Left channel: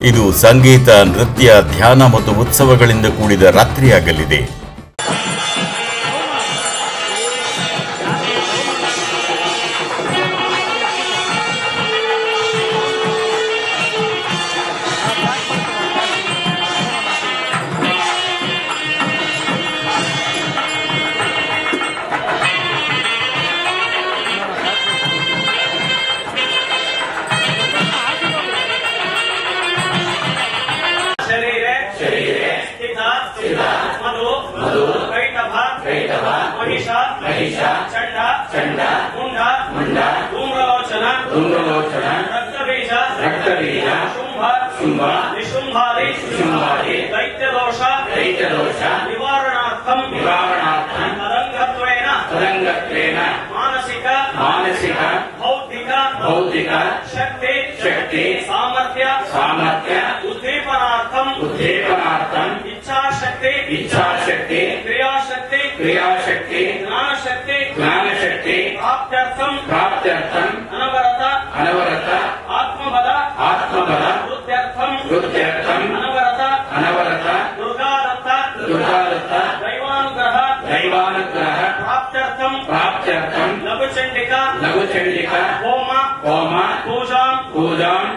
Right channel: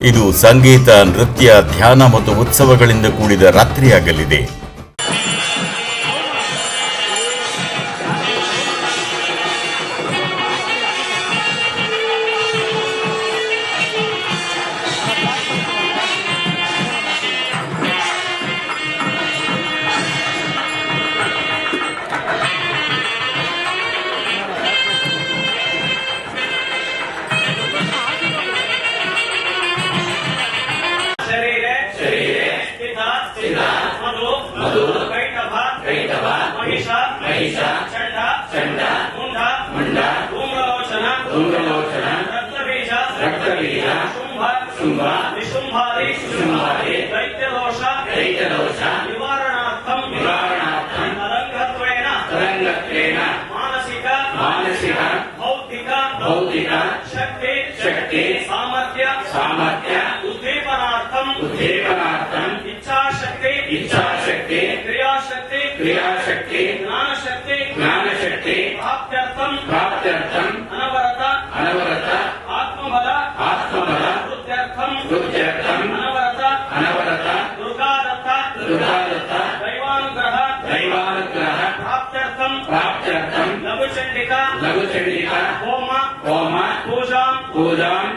ಇದು ಸಂಗೀತ, ನೃತ್ಯ, ಧ್ಯಾನ ಮತ್ತು ಉತ್ಸವಗಳಿಂದ ಕೂಡಿದ ರಾತ್ರಿಯಾಗಲಿದೆ. चंड मुंड धूम्रलोचन रक्तबीज शुंभ निशुंभादि दैत्यदोष निवारणार्थं तदंगत्वेन मानसिक भौतिक शक्ति सामर्थ्य उद्दीपनार्थं इच्छाशक्ति क्रियाशक्ति ज्ञानशक्ति प्राप्त्यर्थं अनवरत आत्मबल वृद्ध्यर्थं अनवरत दुर्गादत्त दैवानुग्रह प्राप्त्यर्थं लघुचंडिका होम पूजां